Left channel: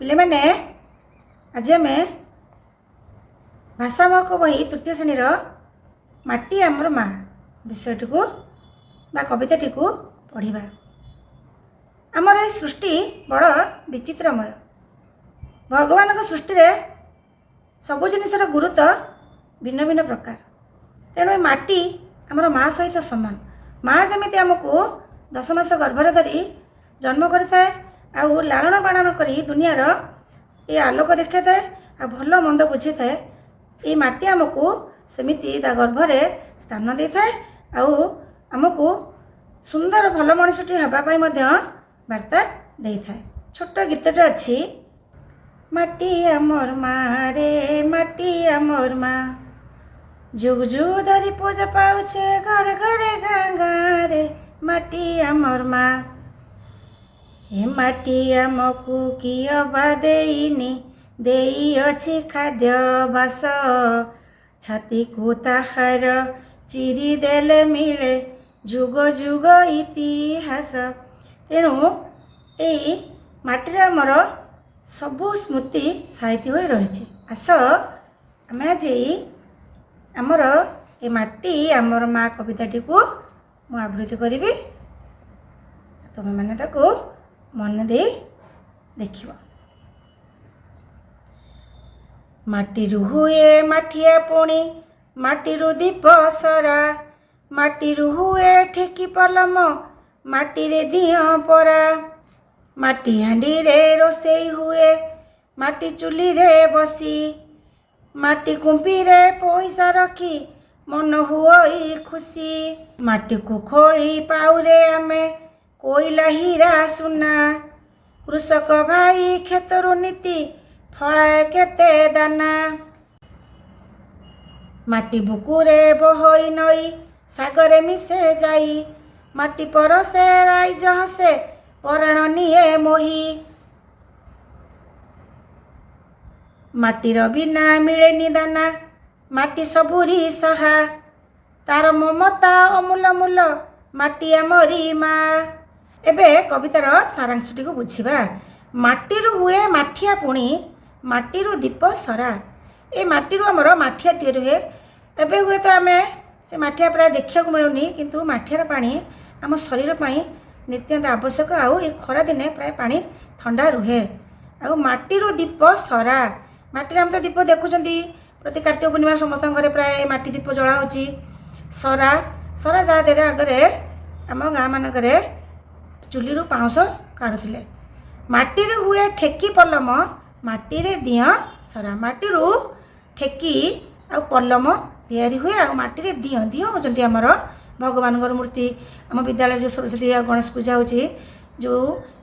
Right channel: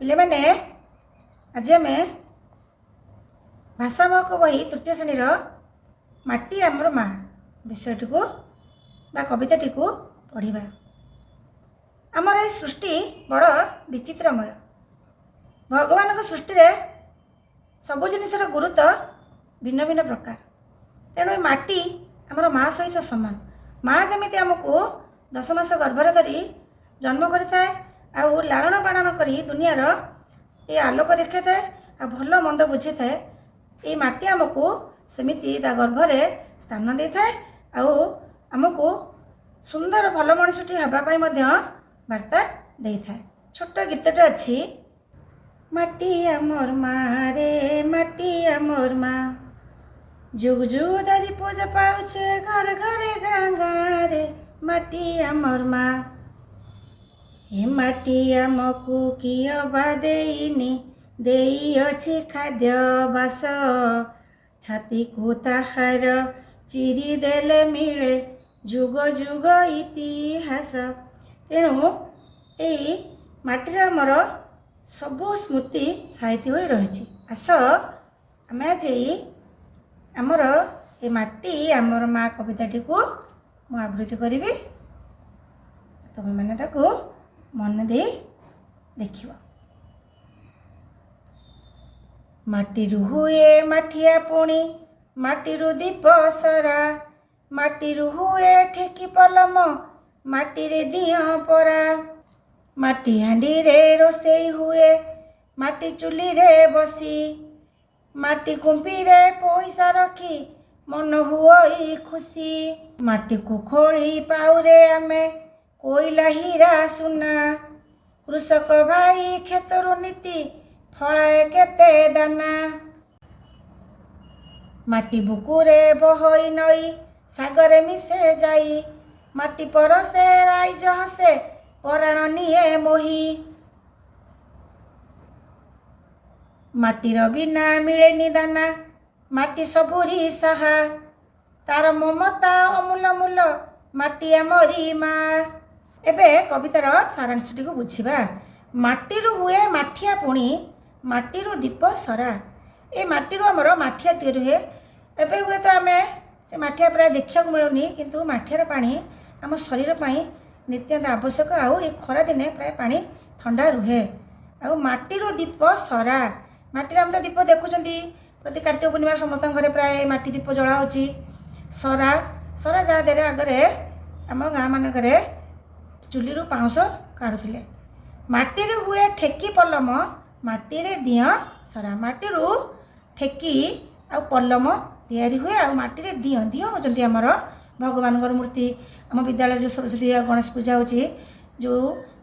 पिले मैंने आज आम भाषा महक बही तृतीय श्रेणीर माटी आमर माँ विषयटी को बा कविताटी को पढ़ा। आमर ये सृष्टि बड़ विचित्रमय। भगवान सृष्टि रे सबु जिनिसर गुरुत्व भिन्न भिन्न प्रकार। तेणु ये माटी आमर माँ सहित सामान। माँ जमी आमको 10 मास गर्भर धरी जन्म करता आउ लालन पालन करी दुनियार ये आलोक देखा था आ भल मंद बुझे था। ये माटी आमको सेमिति ता गर्भरे स्थान दे था आउ आमको सुंदर भल मनुष्यटी हवापाई वार्ता दे था। छोट गीतटे अच्छी माटी आमर माँ रे माटी आमर माँ जुग जुग धरी पूजा पाउछे घर घरे गाँ गाँ रे माटी आमर माँ। हे माटी आमको किए बा देइनी देई अछि खाद्य बास छाती को ताहार चिरी देले मिले जुग जुग इतिहास। तेणु यही माटी आमर सबू स्मृति साहित्य हो रही। आस आम आज आमर ये माटी आमर माँ कविताटी को मु आवृत्ति करी। तुम मैंने ताको मन दे देखिव। माटीरू हुए माठिया पुणी माटीरू दीप सरा माटीरू हुए ठेकी पलम माटी रे दिया परा माटी हांडी रे रोसेई हुए माटी चुली रे बसी माटी कुंपी रे पैसा रखी मन हुई खुशी माटी को खोली पाउरे आमे कोइला हीरा सुना कृषक भाई खेतरु नीति फलाए केते दाना माटी बुकुरे बहई नई सागरे मिसे जाई माटी परसे राइज हसे पराण निये मोही माटीर बिना मिलेनी दाना माटी सबुरी साहा तार ममता अमूल मूल माटी आमरी माँ। एबे कवितार सारांशटी को बुझिबा। माटीरू हुए माठिया पुणी माटीरू दीप सरा। ए माटीरू आमर माठिया तैयारी हुए। एबे हुए तो आमे से माठिया प्राय देखा मिलूनी किंतु माठियार पानी आम शरीर पाई नित्यांत आवश्यक। आउ ये खरा दिने प्राय पानी ठंडा रुहे। आउ माटीरू दीप सरा माटी आम तो दीप देखुंती प्रति कार्तिक पूर्णिमा समस्त घरे प्राय माटी दीप जला होची। सरा सरा जहाँ आगे आम गाँ मानक चुली पाउंश काढ़ुले। माटी हुए ठेकी पलम माटी रे दिया सरा माटीरू ठेकी आ पलम तैयारी हुए आ माटी रे दिया दिया होचंती आमर भगवान मूर्ति। आम विद्यालय जो सरस्वती गणेश पूजा होची जो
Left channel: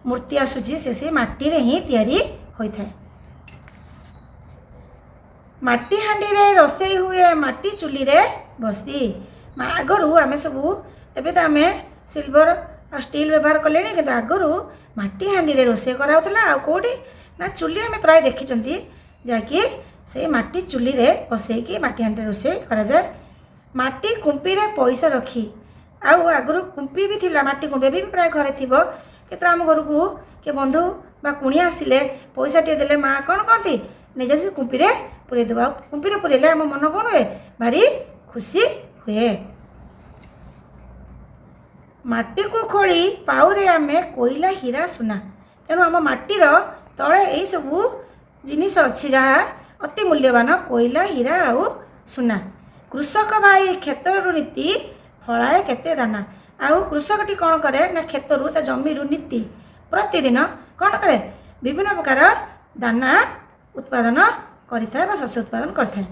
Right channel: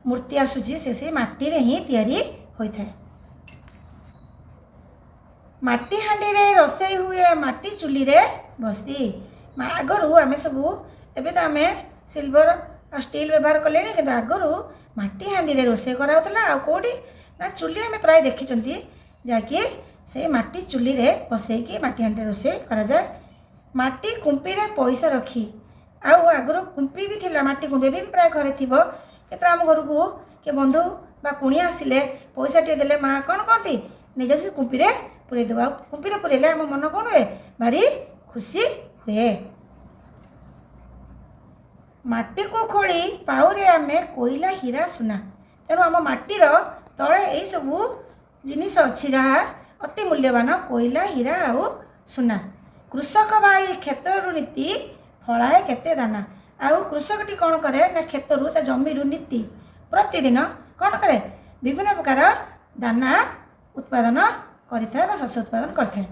मूर्ति आसूची से माटी रे ही तैयारी होता है। माटी हांडी रे रोसेई हुए माटी चुली रे बसी आगरू आम सबू एबे तो आम सिल्वर स्टील व्यवहार कले कि आगरू माटी हांडी रे रोसे कराउतला आ कोडी ना चुली आम प्राय देखी जहाँकि से माटी चुली रे बसैकी माटी हांडी रोसे करा जाए। माटी कुंपी रे पैसा रखी आउ आगरू कुंपी भी थिला माटी कुंपी भी प्राय घरे थिबो। केतरा आम घर को के बंधु बा कुणिया आसिले पैसा टे देले माँ कौन कहती निज कुंपी रे पुरे देबा। कुंपी रे पुरेले आम मन कौन हुए भारी खुशी हुए। माटी को खोली पाउरे आमे कोइला हीरा सुना। तेणु आम माटीर तले यही सबू जिनिस अच्छी जहाँ अति मूल्यवान कोइला हीरा आउ सुना। कृषक भाई खेतरु नीति फलाए केते दाना। आउ कृषकटी कौन करे ना खेतरु ता जमीरु नीति प्रतिदिन कौन करे विभिन्न प्रकार दाना उत्पादन करिथाय बा शस्य उत्पादन करिथाय।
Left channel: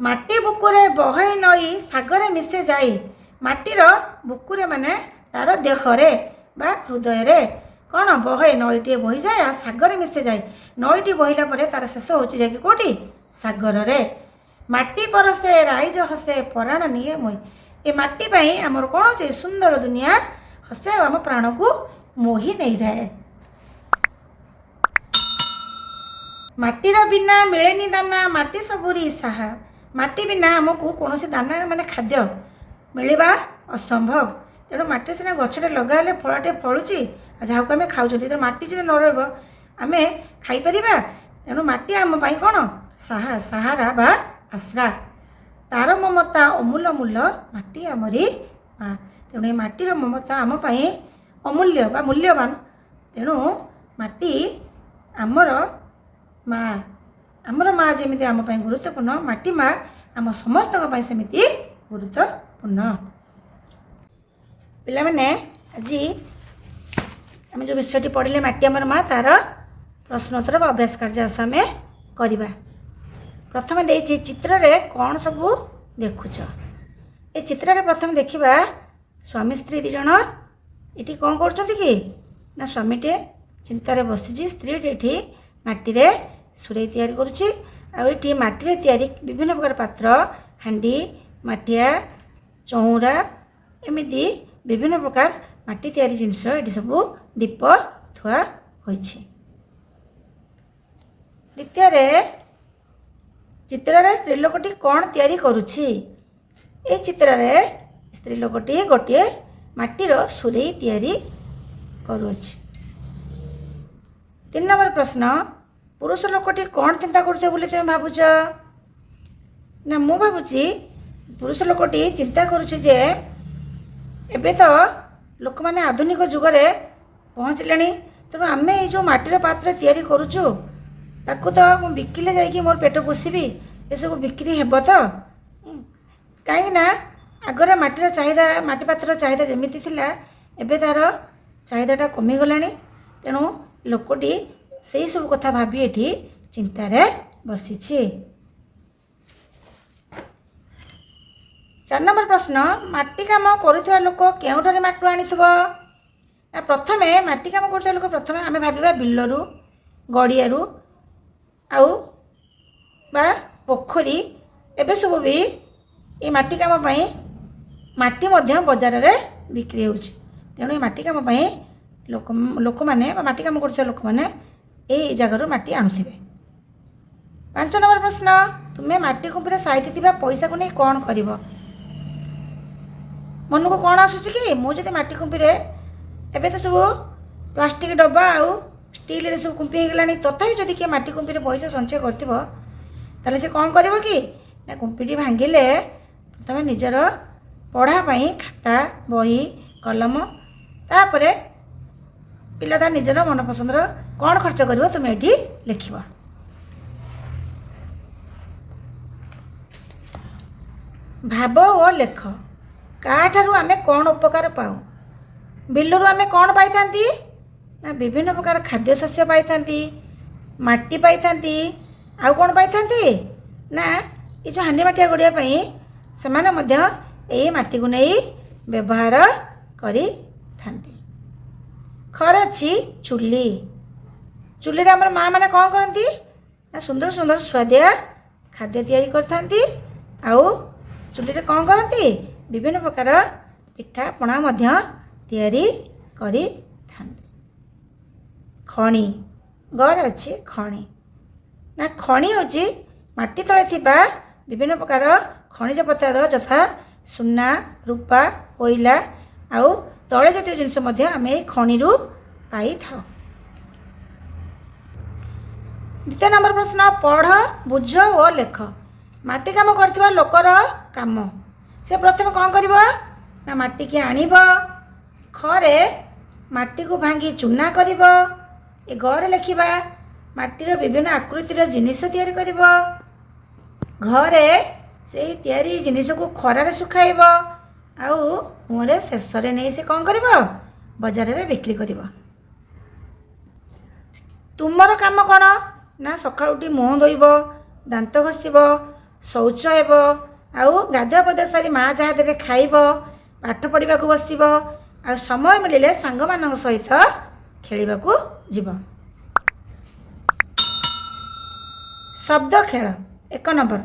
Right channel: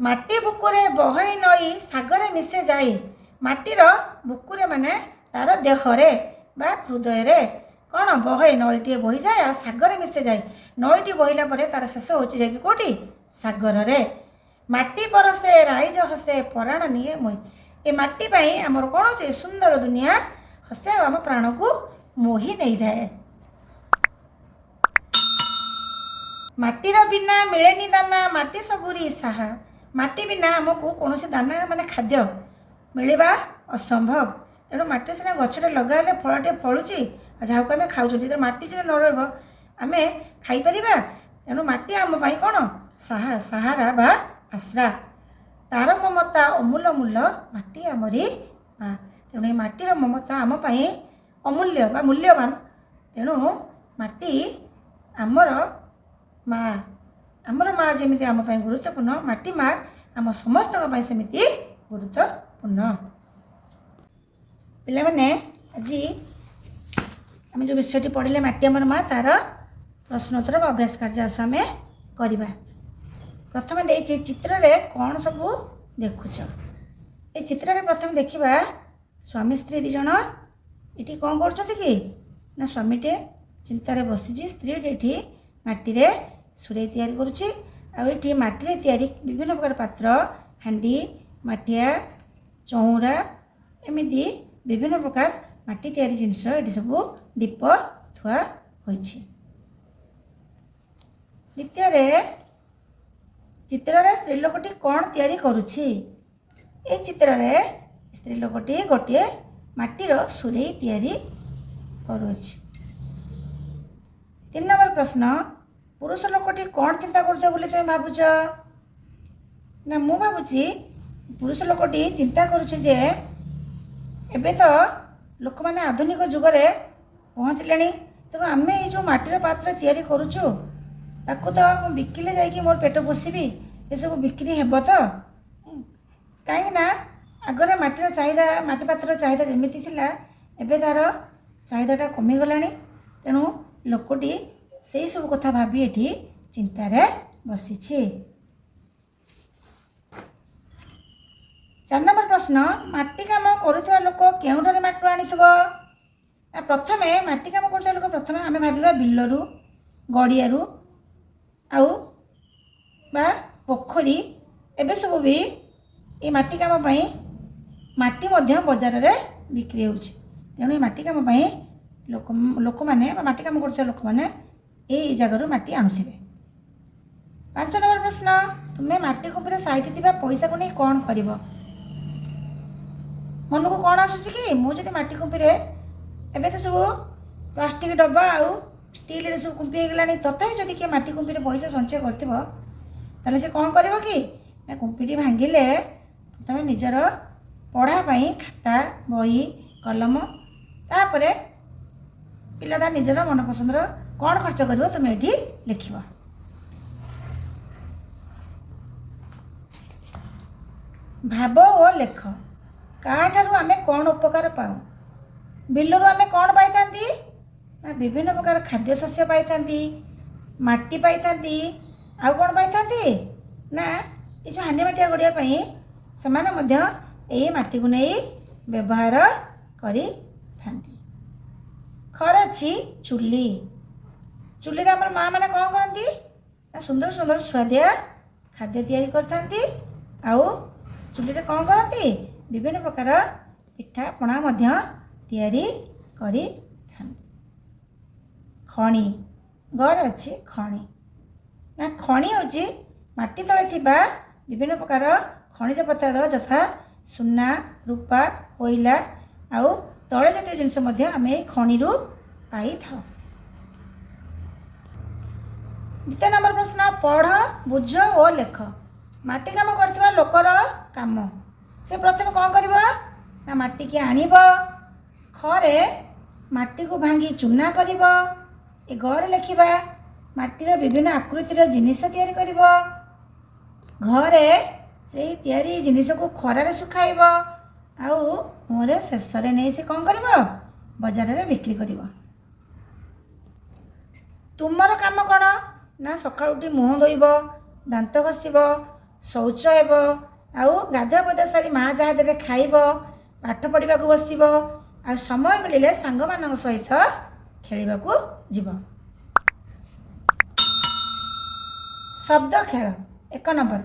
माटी बुकुरे बहई नई सागरे मिसे जाई। माटीर बुकुरे माने तार देहरे बा हृदय रे कौन बहई नईटे बही जाए आ सागरे मिसे जाए। नईटी बहिला परे तार शेष होची जाए कोटी सागर रे। माटी परसे राइज हसे पराण निये मोई। ए माटी पाई आमर कौन होची सुंदर दुनिया हसे आम प्राण को मोही नहीं जाए। माटीर बिना मिलेनी दाना माटी सबुरी साहा। माटी बिना आमको कौन से दाना माने खाद्य मिलवा असंभव। तेणु माटी सीना गछटे लगाले फलटे फलुची ଯାହାକୁ ଆମେ ଖାଉଛନ୍ତି। ତେଣୁ ମାଟି ଯଦି ନ ରହିବ ଆମେ ଖାଇପାରିବା। ତେଣୁ ମାଟି ଆମ ପାଇଁ କ'ଣ ସାହାରା ବା ଆଶ୍ରା। ତାର ମମତା ଅମୂଲ୍ୟ ମୂଲ୍ୟ ମାଟି ଆମରି ମା। ତେଣୁ ଏ ମାଟିର ମମତା ଆମ ପାଇଁ ଅମୂଲ୍ୟ ବା ମୂଲ୍ୟବାନ। ତେଣୁ ମାଟି ଆମର ମା। ଆମର ମା ଯେମିତି ଆମ ପାଇଁ ଗୁରୁତ୍ୱପୂର୍ଣ୍ଣ, ମାଟି ମା ଆମ ସମସ୍ତଙ୍କ ପାଇଁ ସେମିତି ଗୁରୁତ୍ୱପୂର୍ଣ୍ଣ। ପିଲାମାନେ ଆଜି ଆମେ ଯେଉଁ ବିଷୟଟି ପଢ଼ିଲେ ମାଟି ଆମର ମା, ତାର ପ୍ରଶ୍ନୋତ୍ତର ବା ଅଭ୍ୟାସ କାର୍ଯ୍ୟ ଆସ ଆମେ କରିବା। ପ୍ରଥମେ ଦେଇଛି ଚିତ୍ରରେ କ'ଣ ସବୁ ଦେଖୁଛ। ଏ ଚିତ୍ରରେ ପ୍ରଥମେ ଦେଖିବା ସ୍ୱାମୀ ସ୍ତ୍ରୀ ଦୁଇ ଜଣ ଏଠି କ'ଣ କରୁଛନ୍ତି କି ନା ସ୍ୱାମୀଟେ ଚିନ୍ତାରେ ବସିଛି, ସ୍ତ୍ରୀଟି ଏଠି ମାଟିରେ ସୁରେଇ ତିଆରି କରୁଛି। ଆଉ ଏଠି ମାଟିରେ ତିଆରି ବିଭିନ୍ନ ପ୍ରକାର ପାତ୍ର, ହାଣ୍ଡି, ମାଠିଆ, ଚଉରା, ଏମିତି ବିଭିନ୍ନ ପ୍ରକାର ମାଟି ତିଆରି ଜିନିଷ ଏଠି ସବୁ ଦୀପ ଥୁଆ ହୋଇଛି। ଦ୍ୱିତୀୟରେ ଚିତ୍ରରେ ସ୍ତ୍ରୀ ଲୋକଟି କ'ଣ ତିଆରି କରୁଛି। ଏ ଚିତ୍ରରେ ସ୍ତ୍ରୀ ଲୋକଟି ଗୋଟିଏ ମାଟିର ସୁରେଇ ତିଆରି କରୁଅଛି। 3 ନମ୍ବର ପ୍ରଶ୍ନ, ପୁରୁଷ ଲୋକଟି କ'ଣ ଚିନ୍ତା କରୁଥିବ ବୋଲି ତୁମେ ଭାବୁଛ। ନା ମୁଁ ଭାବୁଛି ପୁରୁଷ ଲୋକଟି ଚିନ୍ତା କରୁଛି ଯେ ଏବେ ତ ଲୋକମାନେ ଆଧୁନିକ ଯୁଗରେ ପହଞ୍ଚିଲେଣି, ତେଣୁ ଆମେ ଏଇ ଯେଉଁ ମାଟିର ପାତ୍ର ତିଆରି କରୁଛୁ ତାକୁ ତ ମୁଁ ବିକିଲେ ଯାଇକି ମୋର ପେଟ ପୋଷିବି, ଏସବୁ ବିକ୍ରି ହେବ ତ। କାହିଁକିନା ଆଗରେ ମାଟିର ଚାହିଦା, ମାଟି ପାତ୍ରର ଚାହିଦା ଯେମିତି ଥିଲା ଏବେ ତା'ର ଚାହିଦାଟା କମିଗଲାଣି। ତେଣୁ ଲୋକଟି ସେଇ ସବୁ କଥା ଭାବି ଏଠି ଚିନ୍ତାରେ ବସିଛି। 4 ନମ୍ବର ପ୍ରଶ୍ନ, ମାଟି କାମ କରୁଥିବା ଲୋକ କେଉଁଠାରୁ ମାଟି ଆଣିଥିବ। ନା ପ୍ରଥମେ ମାଟି କାମ କରୁଥିବା ଲୋକ ପ୍ରଥମେ ଆମେ ଭାବିବା ବିଲରୁ, ଗଡ଼ିଆରୁ ଆଉ ବା ପୋଖରୀ, ଏବେ ସବୁ ବି ଏ ମାଟି କାମ ପାଇଁ ମାଟି ମଧ୍ୟ ବଜାରରେ ବିକ୍ରି ହେଉଛି। ତେଣୁ ଏ ମାଟି କାମ ପାଇଁ ଲୋକମାନେ ବା ମାଟି କାମ କରୁଥିବା ଲୋକମାନେ ଏଇ ଜାଗାରୁ ମାଟି ଆଣୁଥିବେ। 5 ନମ୍ବର ପ୍ରଶ୍ନ, ତୁମେ ମାଟି କୁମ୍ପିରେ ସାଇତିଥିବା ପଇସାକୁ ନେଇ କ'ଣ କରିବ। ମନକୁ କ'ଣ ଆସୁଛି କି ମୁଁ ଯଦି ମାଟି କୁମ୍ପିରେ, ଏବେ ତ ସବୁ ପ୍ଲାଷ୍ଟିକ ଡବା ଆଉ ଷ୍ଟିଲରେ ସବୁ କୁମ୍ପି ହେଇଗଲାଣି, ତଥାପି ଯଦି କିଏ ମାଟି କୁମ୍ପିରେ ପଇସା ସଞ୍ଚୟ କରିଥିବ ତାହେଲେ ସେ କ'ଣ କରିବ କି ନା କୁମ୍ପିଟି ଭାଙ୍ଗିଲେ ତମେ ନିଜର ପଢ଼ା ପାଇଁ ଖାତା, ବହି, କଲମ, ତାପରେ ପିଲା ତା ନିଜର ମନପସନ୍ଦର କ'ଣ ଖର୍ଚ୍ଚ କରିବ ତୁମେ ଏଠି ଲେଖିବ। ଭାବ ଓ ଲେଖ। କାହାଠାରୁ ଆମେ କ'ଣ ଉପକାର ପାଉ। ବିଲରୁ ଆମେ କ'ଣ ପାଇଥାନ୍ତି ନା ବିଭିନ୍ନ ପ୍ରକାର ଖାଦ୍ୟଶସ୍ୟ ପାଇଥାନ୍ତି, ମାଟି ପାଇଥାନ୍ତି, ଆଉ କ'ଣ ପାଇଥାନ୍ତି ନା ଏ ଯେଉଁ ହାଣ୍ଡି ମାଠିଆ ଗଡ଼ିଆ ପାଇଁ ସେମାନେ ମଧ୍ୟ ଏଇ ମାଟିକୁ ନେଇ ବ୍ୟବହାର କରିଥାନ୍ତି। ଖରେ ଅଛି ଚୁଲି। ଚୁଲିରେ ଆମର ମା ମାନେ କ'ଣ କରନ୍ତି ନା ସୁନ୍ଦର ସୁନ୍ଦର ସୁଆଦିଆ ଖାଦ୍ୟ ତିଆରି କରିଥାନ୍ତି। ଆଉ ଚୁଲିରେ କ'ଣ କରନ୍ତି ବିଭିନ୍ନ ପ୍ରକାର ପିଠାପଣା ମଧ୍ୟ ତିଆରି କରିଥାନ୍ତି। ଖଣି, ଘରେ ଅଛି ଖଣି। ନା ଖଣି ହେଉଛି ମାଟି ତଳେ ଥିବା ବିଭିନ୍ନ ପ୍ରକାର ଖଣିଜ ପଦାର୍ଥ ଯଥା ସୁନା, ରୂପା, କୋଇଲା ଆଉ ତୈଳ ଜାତୀୟ ଜିନିଷ ମଧ୍ୟ ଆମେ ଏଇ ଖଣିରୁ ପାଇଥାଉ। 2 ନମ୍ବର ପ୍ରଶ୍ନ, ପଢ଼, ବୁଝ ଓ ଲେଖ। ମାଟି କାମ କରୁଥିବା ଲୋକର କାମ। ସେ ପ୍ରଥମେ କ'ଣ କରିବ ନା ମାଟିକି ଆଣିବ, ଖରେ ମାଟିକୁ ଭାଙ୍ଗି ଚୂନା କରିବ। ଏ ଘରେ ଲେଖିବା ମାଟିର ବିଭିନ୍ନ ଆକୃତିର ଜିନିଷ ତିଆରି କରିବ। ଘରେ ସେଇ ତିଆରି ଜିନିଷକୁ ଖରାରେ ଶୁଖାଇବ। ଆଉ ମୁହଁରେ ଶେଷରେ ନେଇ ସେ କ'ଣ କରିବ ବଜାରରେ ବିକ୍ରି କରିବ। ତୁମର କାମ କ'ଣ ନା ସକାଳୁ ଉଠି ମୁହଁ ଧୋଇବ, ଦାନ୍ତ ଘଷିବ, ଶୌଚ ହେବ, ଆଉ ଗାଧୁଆ ପାଧୁଆ ସାରି ମା ଯାହା ଦେବେ ଖାଇବ, ପାଠ ପଢ଼ିବାକୁ ବସିବ, ଆଉ ସମୟ ମିଳିଲେ ସାଙ୍ଗମାନଙ୍କ ସହିତ ଖେଳିବାକୁ ଯିବ। ଶବ୍ଦ ଖେଳ। 1 ନମ୍ବର,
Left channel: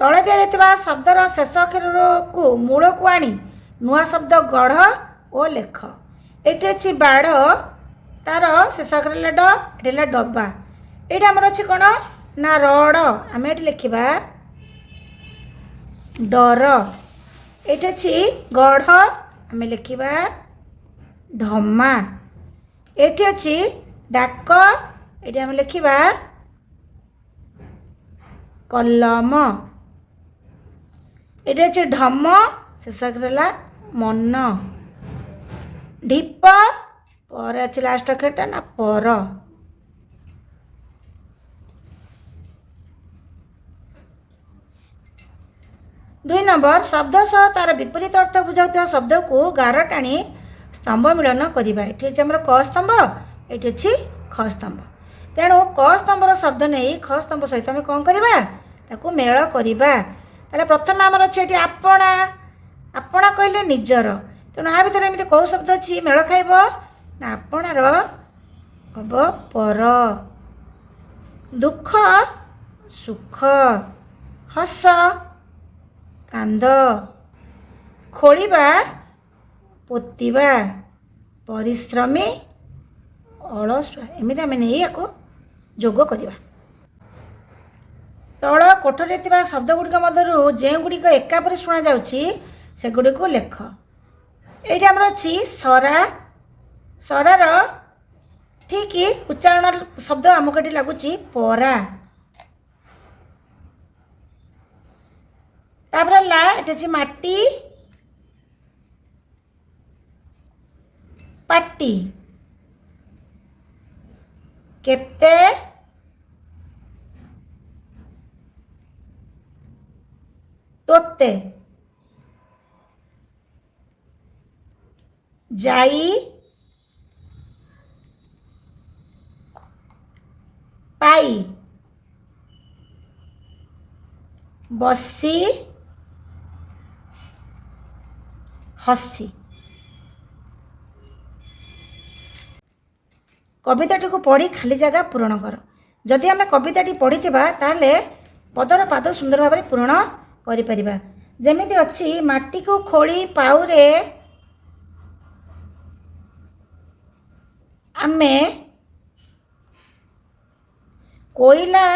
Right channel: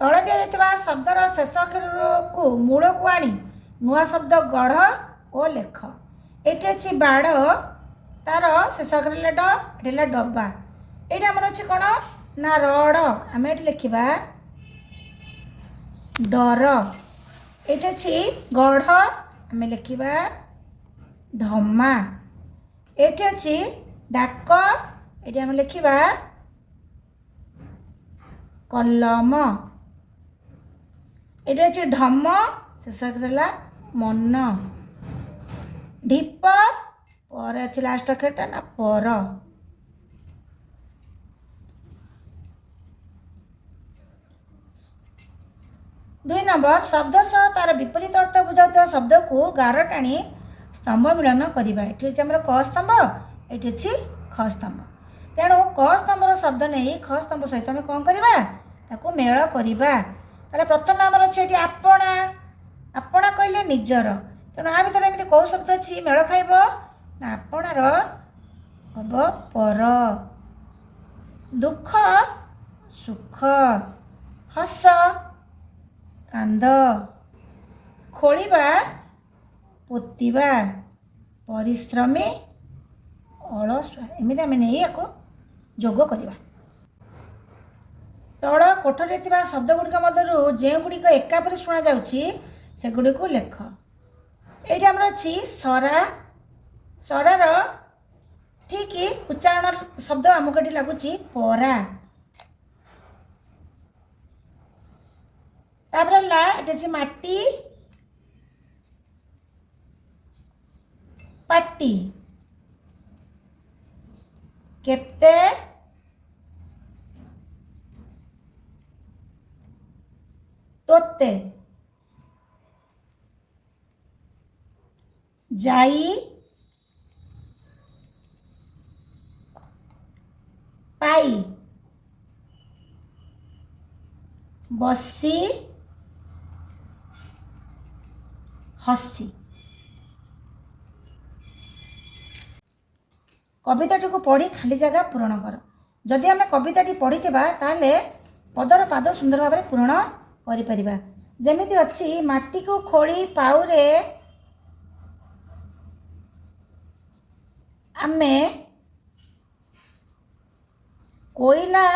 ତଳେ ଦିଆଯାଇଥିବା ଶବ୍ଦର ଶେଷ ଅକ୍ଷରକୁ ମୂଳକୁ ଆଣି ନୂଆ ଶବ୍ଦ ଗଢ଼ ଓ ଲେଖ। ଏଠି ଅଛି ବାଡ଼, ତାର ଶେଷ ଅକ୍ଷର ହେଲା ଡ, ଏଠି ହେଲା ଡବା। ଏଇଠି ଆମର ଅଛି କ'ଣ ନା ରଡ଼, ଆମେ ଏଠି ଲେଖିବା ଡର। ଏଇଠି ଅଛି ଗଢ଼, ଆମେ ଲେଖିବା ଢମା। एटी अच्छी डाक ये आम लिखा कलम। ये अच्छे ढम शेषक रहा मन। ढीप पर अच्छे लास्ट अक्षरटा ना पर। 2 नंबर शब्द सह तार विपरीत अर्थ बुझाऊा शब्द को गार टाणी स्तंभ मिलन करवा। ये आम क स्तंभ ये अच्छी ख स्तंभ। तेणु क स्तंभर शब्द नहीं ख स्तंभ सहित आम कौन करवा ताकू मेल करवा। ताले प्रथम आमर अच्छे ये आपणा। आपणा कहले निजर। तेणु आ भर एमती कौ शब्द अच्छी मेल खाइब ना आपणार हम पर। दुख सुख। हस कांद। खोलिबा पोतिबा। परिश्रमी अलसुआ। एमती आम नहीं या जोग करवा। तल कोठरी शब्द गुड़िक मध्य जो गुड़िक एकापरी शुणा जागुड़ी लेख। ये आमर अच्छी सरा। सरार ठीक उच्चारण शब्द आमको ये लगुच परा। तापर ला ये माटी पाटी। केते तोते। जाई पाई। बसी हसी। कविताटी को पढ़ी खाली जगह पूरण कर। जदि आम कविताटी पढ़ी ताहले पदर पाद सुंदर भाव में पूरण करिपरिबा। जेमिति अच्छी माटी को खोली पाउरे आमे कोयला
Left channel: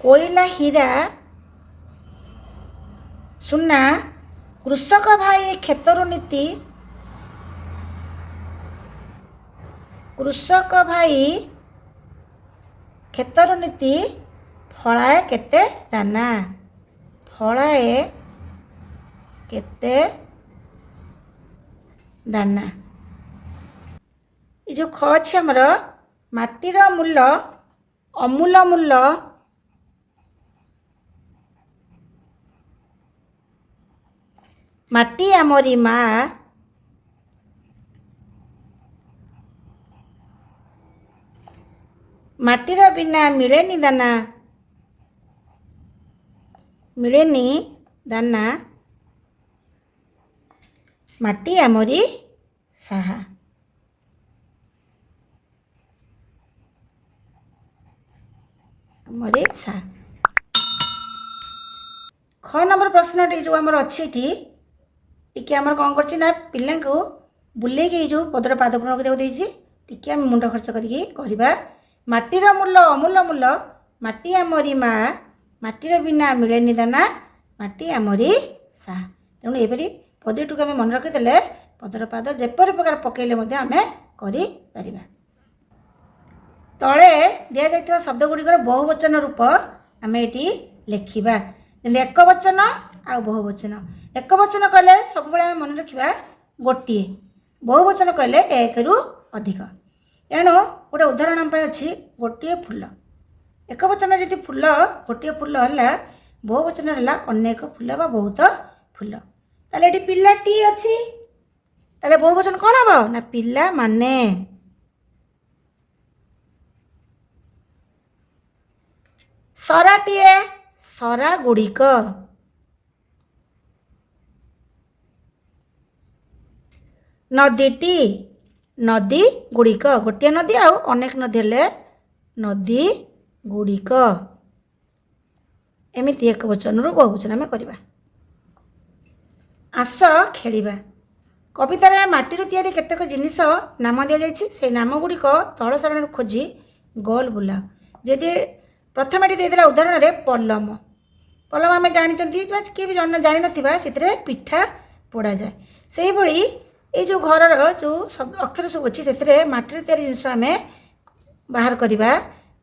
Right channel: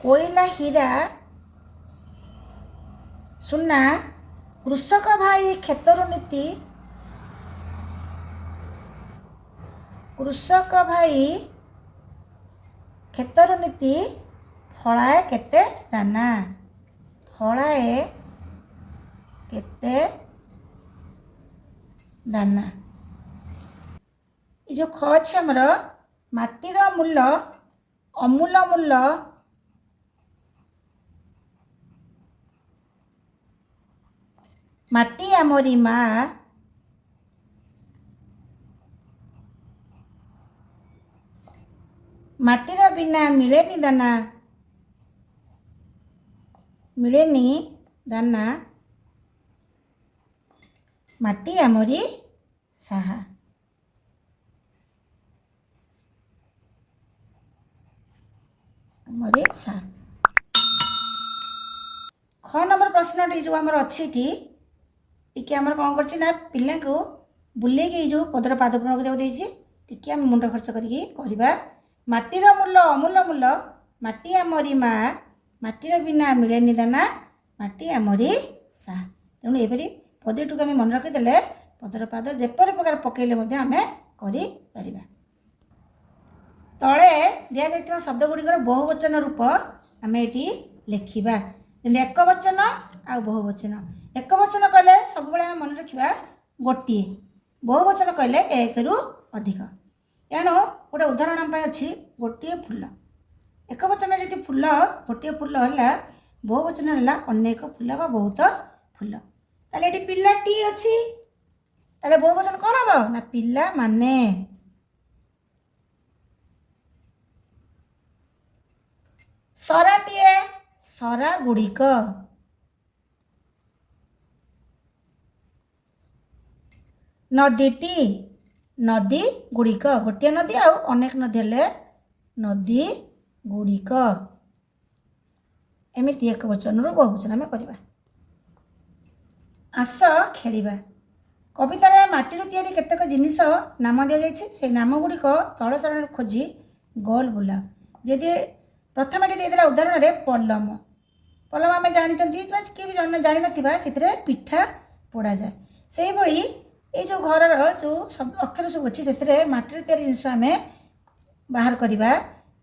कोयला हीरा सुना। कृषक भाई खेतरु नीति। कृषक भाई खेतरु नीति फलाए केते दाना। फलाए केते दाना। ये जो ख अच्छे आमर माटीर मूल्य अमूल मूल्य। माटी आमरी माँ। माटीर बिना मिलेनी दाना। मिलेनी दाना। माटी आमरी साहा। आमरी साहा। ख नंबर प्रश्न जो आमर अच्छी टी आमर कौन कर पिला को बुले जो पदर पाद पूरण कर मुंड खर्च करवा। माटीर मूल्य अमूल मूल्य। माटी आमरी माँ। माटीर बिना मिलेनी दाना। माटी आमरी साहा। तेणु यहपरी पदटी को मन रखीदे पदर पाद जेपरी प्रकार पकड़े आम कर। तले दि जा शब्द गुड़िकर बहुवचन रूप आम ये लिखा। एक वचन आ बहुवचन। एक वचन कहले सब आम मन रखा गोटे। बहुवचन कहले एक रु अधिक। तेणु गोटे उदाहरण आम अच्छी गोटे फूल। एक वचन जी फूल गोटे फूल है। बहुवचन है अनेक फूल बा बहुत फूल। ताले ये पिलाटी अच्छी ताले बहुवचन कौन हम ना पिला माने। सराटीए सरा गुड़िक। नदीटी नदी गुड़िक। गोटे नदी आ अनेक नदी हेले नदी गुड़िक। एमती एक वचन रु बहुवचन आम करवा। आस खेलिबा। कवितार माटीर तैयारी केतेक जिनिस नाम दि जाइए से नाम गुड़िक तल सारणी खोजी गोल बुलाओ। जदि प्रथम ये देदेला उदाहरण में पलम। पलम आम जानते किए भी जानी ना से पिठा पोड़ा जाए से भाई ये जो घर जो सब अक्षर सब अच्छी से माटी तैयारी जिनस आम बाहर करवा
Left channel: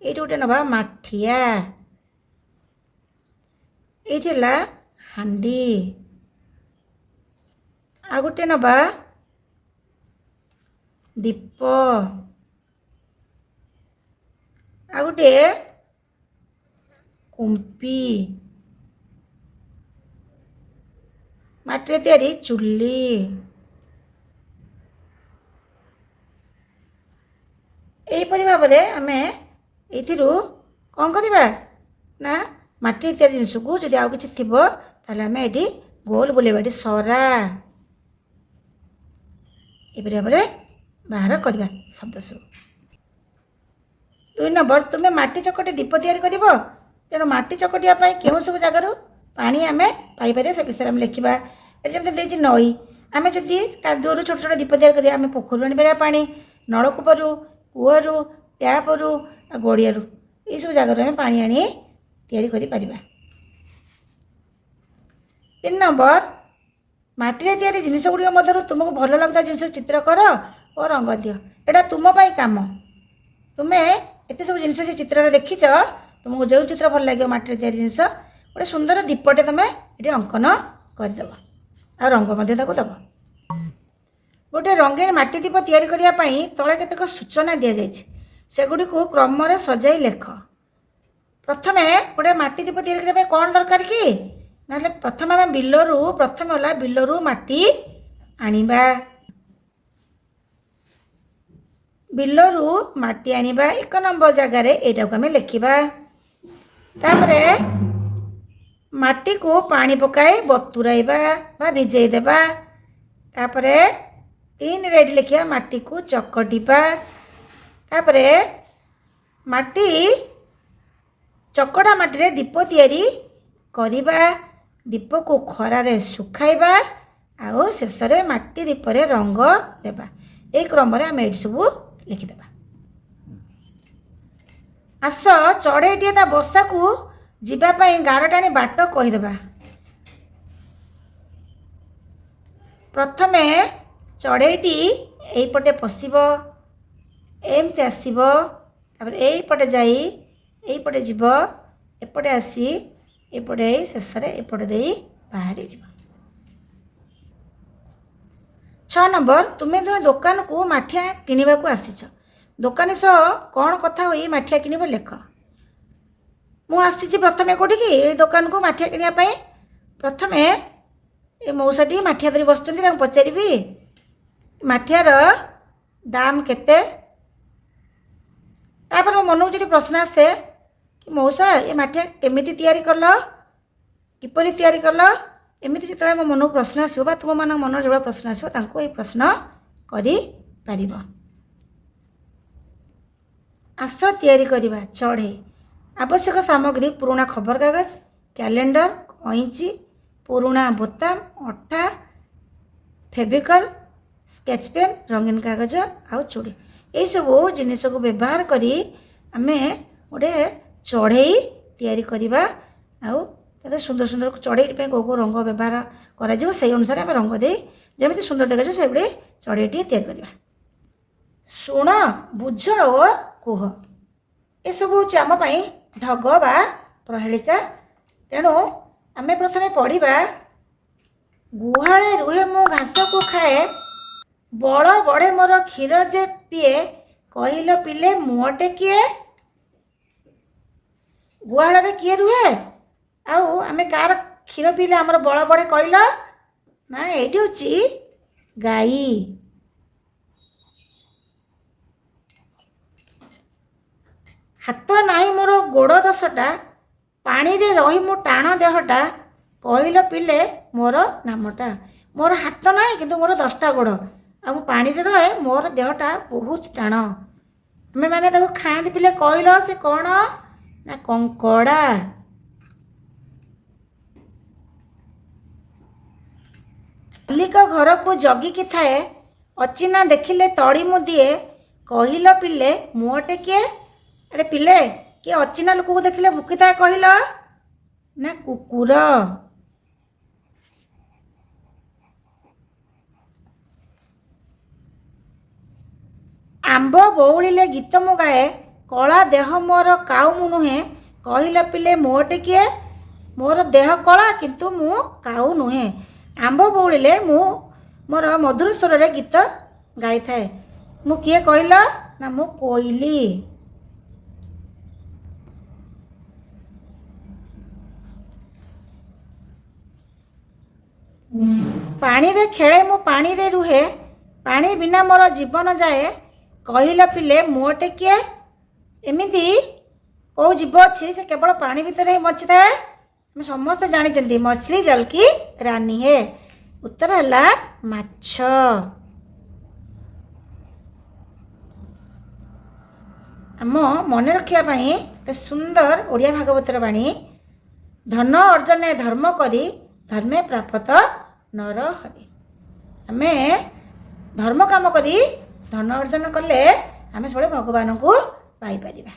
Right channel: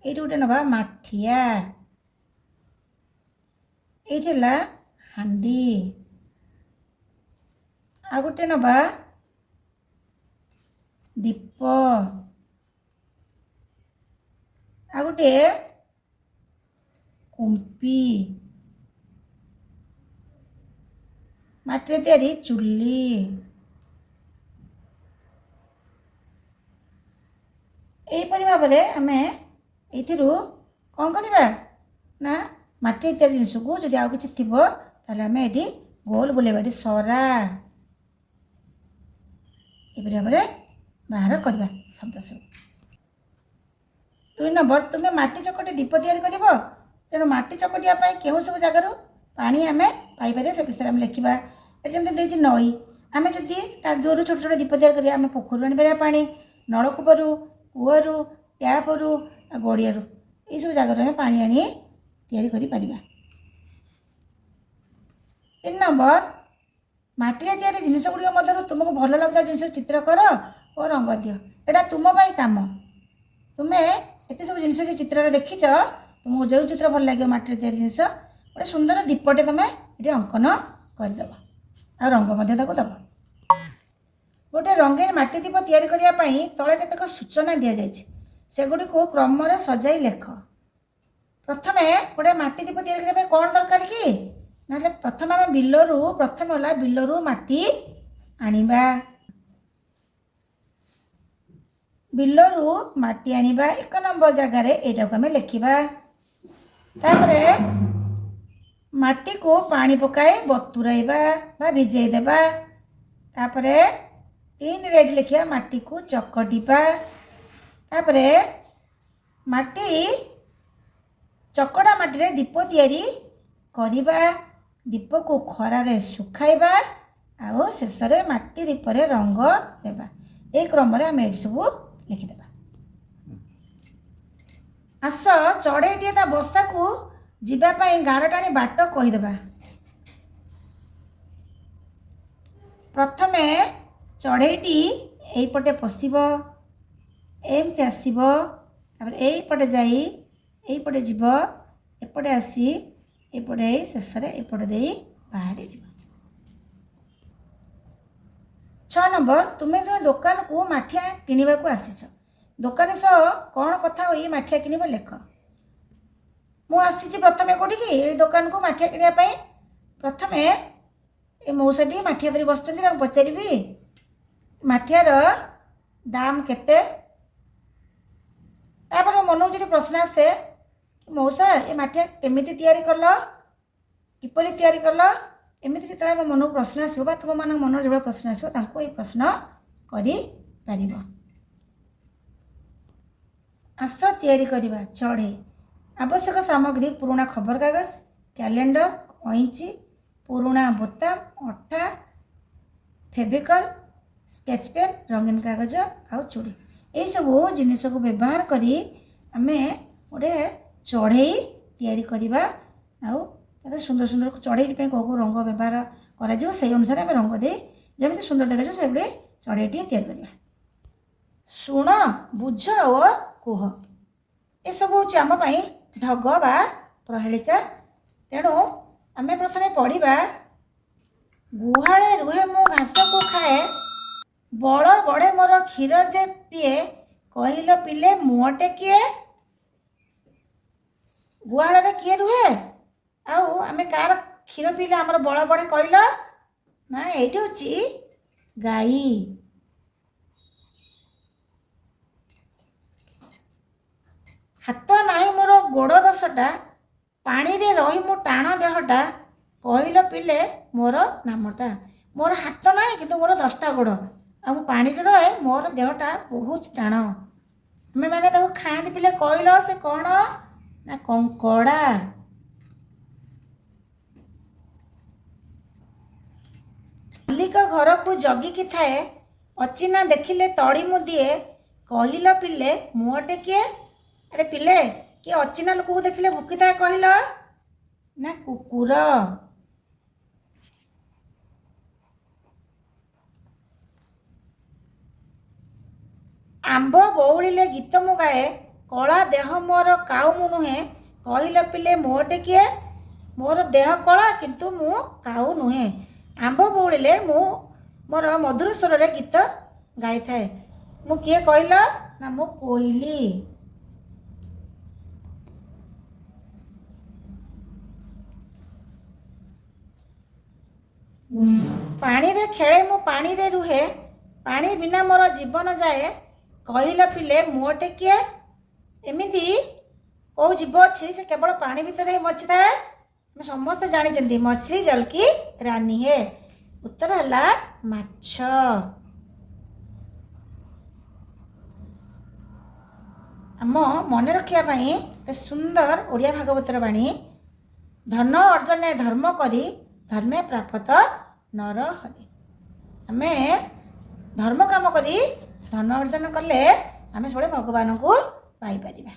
ये गोटे नवा माठिया ये हांडी आ गोटे नवा दीप आ गोटे कुंपी माटी तैयारी चुली यहीपरि भाव में आम ये कौन करवा ना माटी तैयारी जिनस को जब आउ कि थी आम ये गोल बुलेबा ये सरा ये भाव में बाहर करवा शब्द सब 2 नंबर तुम्हें माटी चकटी दीप तैयारी कर तेणु माटी चकटिया क्यों सब जगार पानी आम पाइपर से विषय में लिखा ये जमी नई आम जदि कादुअर छोट छोट दीप तैयारी करें आम पोखर आने पा नलकूपर कूअर टैपर गड़िया ये सब जगार आम पा या 3 नंबर माटी तैयारी जिनस गुड़िक मध्य तुमको भल लगता जिन चित्र कर और रंग दियो एटा तुम काम तुम्हें एत सब जिन चित्र देखीच तुमको जो चित्र भल लगे माटी तैयारी जिनस गोटे सुंदर दीपटे तुम ये अंकन करदेव आ रंग दब गोटे रंगीन माटी दीप तैयारी करने तले केतक सूचना दि जाए सेगुड़ी को क्रम सजाई लेख प्रथम गोटे माटी दीप तैयारी करने कौन दरकार कि ना प्रथम आम बिलरू प्रथम है बिलरू माटी आनिबा बिलरू माटी आनिबा 1 नंबर जगार यहाँ आम लिखा तापरे माटी को पानी पकाए बतुराइबा बा भिजई देबा तापरे 3 रेड लिखिया माटी को चकटिबा तापरे माटी चकड़ा माटी रे दीप तैयारी करिबा दीप को खरारे सुखाइबा आउ शेष में माटी दीप रे रंग देबा ए क्रम रे आम ये सब लिखिदेबा आस चढ़ईटे ता बसा को जीवाई गार टाणी बाट कहीदेबा प्रथमे चढ़ईटी यहीपटे पशिब एमती आसब यहीपटे जा यहीपटे जीव एपटे आसी एपटे शेष एपटे दे बाहरी जीव 6 नंबर तुम्हें तुम दुकान को माठिया किणवा को आसीच दुकानी सह कौन कथा हो माठिया किणव लेख मुझे प्रथम कौटी कि दुकान को माठिया किणापी प्रथम ये मौसाटी माठिया धरी बस पचारि माठियार दाम केते तापर मो मन को प्रश्न आसे कि मौसा ये माठिया केमिति तैयारी कल किपरि तैयारी कल एमती जो मो मन को प्रश्न आसो तुम मान मन जो प्रश्न आसो ये प्रश्न कर आस तैयारी करवा चढ़े आवश्यक सामग्री पुराना खबर कागज कैलेंडर कैंची पुराना बोताम अटा फेविकल स्केच पेन रंगीन कागज आउ चूड़ी ये सब जिनिस को व्यवहार करी आमे गोटे चढ़ई तैयारी करवा आउ सुंदर सुंदर चढ़ई कौ रंग व्यवहार कर से अनुसार आम रंग दे जमी सुंदर देखा से चढ़ईटी तैयारी करवा शुण बुझ और कुह ये सब हूँ आम ढग बा प्रहेलिका तेणु आम प्रथम पढ़ा गुहाले रुहे मो घास को खाए बड़ बड़े मोर क्षीर जे पीए कहल पिले मुहटे किए गुहाल किए रुहे आउ आम कार क्षीर पीले आमर बड़ बड़े कहल ना ये हूँ गाई हाथ नाई मोर गोड़ 10टा पानी रे रही मो टाण देहटा कहल पिले मोर नामटा मोर हाथ ना कि मोर 10टा गोड़ आ पानी रे रहे मोर देहटा बहुत टाण आम मैंने खाती पिले कहल से कौन ना कंकड़ा मालिक घर को जगिकी थाए अचिना देखिले तड़ी मु दिए कहल पिले मुहटे किए अरे पिले किए अचिना लोक को देखिले भुकी थाए कहल ना कुकुर ଆମ୍ବ ବଉଳିଲେ ଗୀତ ମୁଁ ଗାଏ, କଳା ଦେହ ମୋର କାଉ ମୁଁ ନୁହେଁ, କହିଲ ପିଲେ ମୋଟେ କିଏ, ମୋର ଦେହ କଳା କିନ୍ତୁ ମୁଁ କାଉ ନୁହେଁ। ଆମ୍ବ ବଉଳିଲେ ମୁଁ ମୋର ମଧୁର ସ୍ୱରରେ ଗୀତ ଗାଇଥାଏ। ମୁଁ କିଏ କହିଲ? ନା ମୁଁ କୋଇଲି। ପାଣିରେ ଖେଳେ ମୁଁ ପାଣିରେ ରୁହେ, ପାଣି ବିନା ମୋର ଜୀବନ ଯାଏ, କହିଲ ପିଲେ ମୋଟେ କିଏ। ଏମିତି କେଉଁ ଜୀବ ଅଛି ସେ କେବଳ ପାଣି ଭିତରେ ହିଁ ବଞ୍ଚିଥାଏ? ଆମେ ସମସ୍ତେ ଜାଣିଛନ୍ତି ମଛଲି ଜଲ କି ରାନୀ ହେ। ଉତ୍ତର ହେଲା ମାଛ। ଆମ ମନେ ରଖିବା ପାଇଁ ଗୋଟେ ସୁନ୍ଦର ଓଡ଼ିଆ ଭାଗବତର ବାଣୀ। ଧନ ଅର୍ଜନେ ଧର୍ମ କରି, ଧର୍ମେ ପ୍ରାପତ ନର ହରି। ଆମେ ଧର୍ମ କାମ କରି ଧନ ଅର୍ଜନ କଲେ ଆମେ ସବୁବେଳେ ଭଗବାନଙ୍କୁ ପାଇପାରିବା।